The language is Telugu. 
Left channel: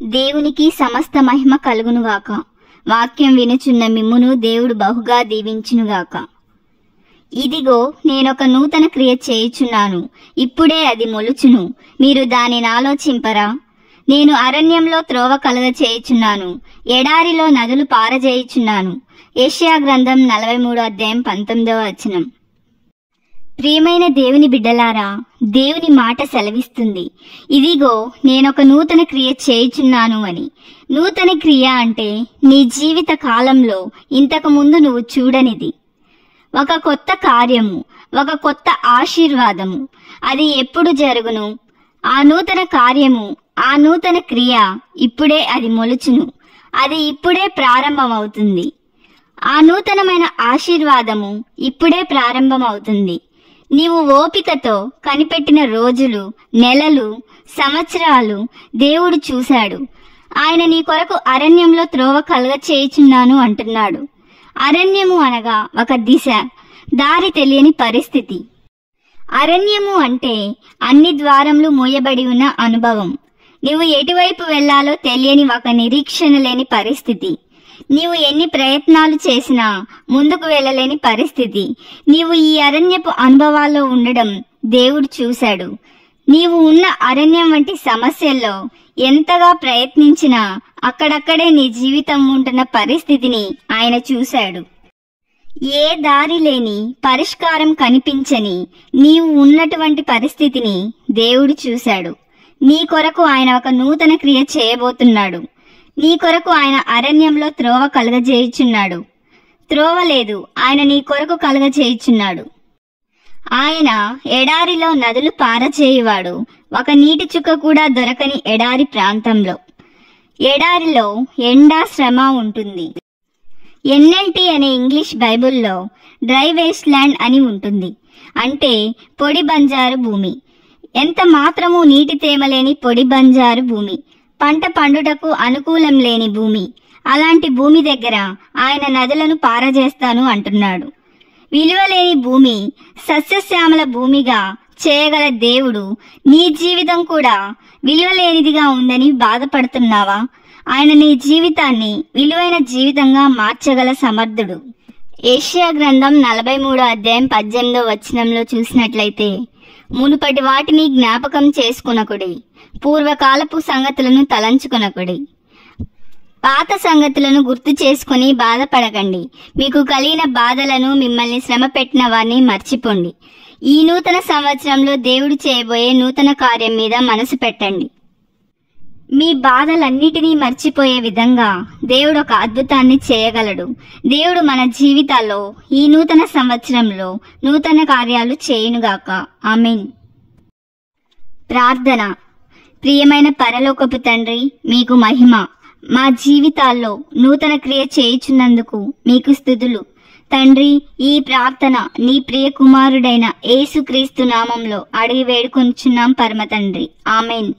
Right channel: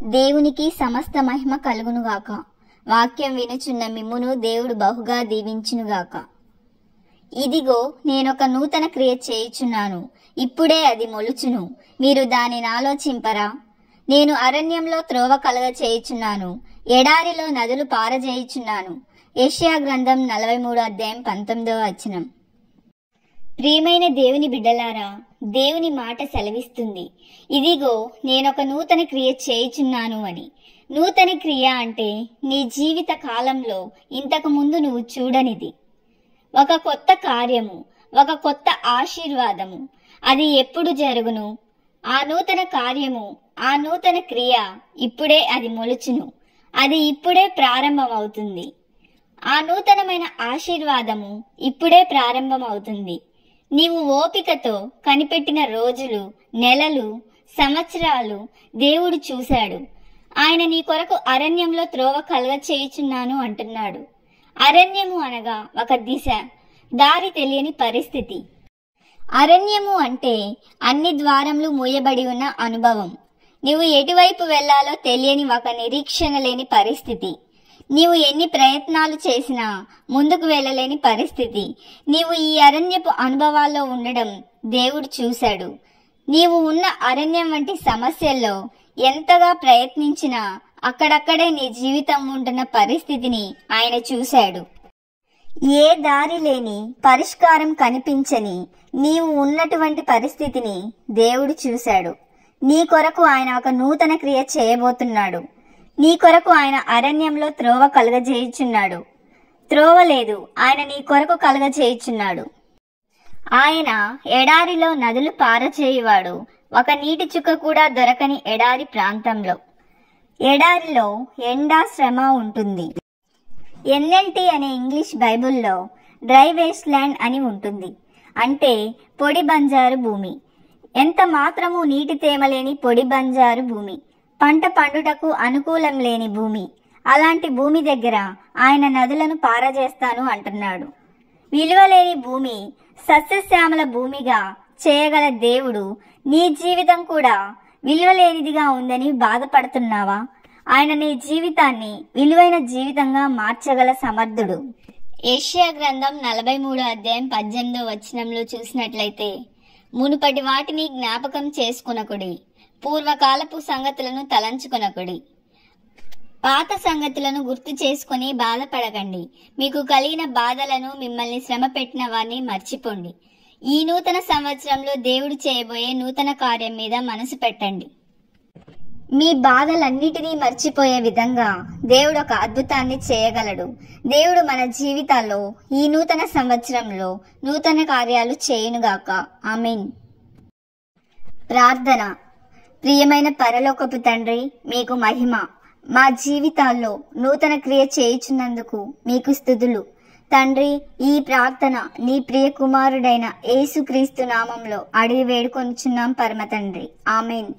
దేవునికి సమస్త మహిమ కలుగునుగాక. వాక్యం వినుచున్న మిమ్మును దేవుడు బహుగా దీవించునుగాక. ఇదిగో నేనొక నూతన క్రియ చేయుచున్నాను, ఇప్పుడే అది మొలుచును, మీరు దానిని ఆలోచింపరా? నేను అరణ్యంలో త్రోవ కలగ చేయుచున్నాను, ఎడారిలో నదులు పారజేయుచున్నాను. యెషయా గ్రంథం 43:19. ప్రియమైన దేవుని బిడ్డలారా, దేవుని మాట సెలవిస్తుంది, ఇదిగో నేనొక నూతన క్రియ చేయుచున్నాను అని. నూతన క్రియ అంటే నీ జీవిత కాలంలో ఇంతకు ముందు నువ్వు చూడనిది, ఒక కొత్త కార్యము, ఒక కొత్త ఆశీర్వాదము. అది ఎప్పుడు జరుగును? ఆ నూతన కార్యము, ఆ నూతన క్రియ ఇప్పుడే అది మొలుచును, అది ఇప్పుడే ప్రారంభమవుతుంది. ఆ నూతనమైన ఆశీర్వాదము ఇప్పుడే ప్రారంభమవుతుంది. నీవు ఓపికతో కనిపెట్టిన రోజులు, నెలలు, సంవత్సరాలు దేవుడు చూశాడు. ఆయన నీ కొరకు అరణ్యంలో త్రోవ కలగ చేయుచున్నాను అంటున్నాడు. అరణ్యము అనగా ఒక దిశ, దారి తెలియని పరిస్థితి. అరణ్యము అంటే అన్ని ద్వారములు మూయబడి ఉన్న అనుభవం. నీవు ఎటువైపు వెళ్లాలో తెలియని ఒక నిరీక్షణ లేని పరిస్థితి. నీవు ఎన్ని ప్రయత్నాలు చేసినా ముందుకు వెళ్ళలేని పరిస్థితి. నీవు ఈ అరణ్యపు అనుభవాల్లో ఉండడం దేవుడు చూశాడు. నీవు ఉన్న అరణ్యం వంటి సమస్యల్లో ఎంతగా ప్రయత్నించినా అక్కడక్కడే నీ జీవితం ఉంటున్న పరిస్థితిని ఆయన చూశాడు. ఏ దారి లేని, పరిష్కారం కనిపించని నీవు ఉన్నటువంటి పరిస్థితిని దేవుడు చూశాడు. నీ కొరకు ఆయన ఒక నూతన క్రియ చేయబోతున్నాడు. నీ కొరకు ఆయన అరణ్యంలో త్రోవ కలగజేయుచున్నాడు. త్రోవ లేదు, ఆయన నీ కొరకు కలగజేయుచున్నాడు. ఆయన ఎడారిలో నదులు పారచేయువాడు, ఒక నీటి చుక్క కూడా దొరకని ఎడారి ప్రాంతంలో. ఎడారిలో ఎండ, శ్రమ ఉంటుంది. ఎన్ఎల్టీ అనే ఇంగ్లీష్ బైబుల్లో డ్రై వేస్ట్ ల్యాండ్ అని ఉంటుంది, అంటే పొడి బంజారు భూమి. ఎంత మాత్రము నీటి తేమ లేని పొడి బంజారు భూమి, పంట పండుటకు అనుకూలం లేని భూమి. అలాంటి భూమి దగ్గర ఆయన నదులను పారజేస్తాను అంటున్నాడు. విలువలేని భూమి సస్యశ్యామల భూమిగా చేయగల దేవుడు నీ జీవితం కూడా విలువలేనిదిగా ఉందని బాధపడుతున్నావా? ఆయన నీ జీవితాన్ని విలువైన జీవితంగా మార్చగల సమర్థుడు. యెషయా గ్రంథం 43:18 చూసినట్లయితే, మునుపటి వాటిని జ్ఞాపకం చేసుకునకుడి, పూర్వకాలపు సంగతులను తలంచుకొనకుడి, పాత సంగతులను గుర్తు చేసుకుని బాధపడకండి. మీకు కలిగిన బాధలను, మిమ్మల్ని శ్రమ పెట్టిన వారిని మర్చిపోండి. ఈ నూతన సంవత్సరంలో దేవుడు చేయబోయే నూతన కార్యం మీద మనసు పెట్టండి. మీ బాధలన్నిటినీ మర్చిపోయే విధంగా దేవుడు ఒక అద్భుతాన్ని చేయగలడు. దేవుడు మన జీవితాల్లో ఈ నూతన సంవత్సరంలో నూతన కార్యాలు చేయునుగాక. ఆమేన్. ప్రార్థన. ప్రియమైన పరలోకపు తండ్రి, మీకు మహిమ. మా జీవితాల్లో నూతన క్రియ చేయుచున్నందుకు మీకు స్తుతులు తండ్రి. ఈ ప్రార్థన నీ ప్రియ కుమారుడైన యేసుక్రీస్తు నామంలో అడిగి వేడుకొనుచున్నాం పరమ తండ్రి. ఆమేన్.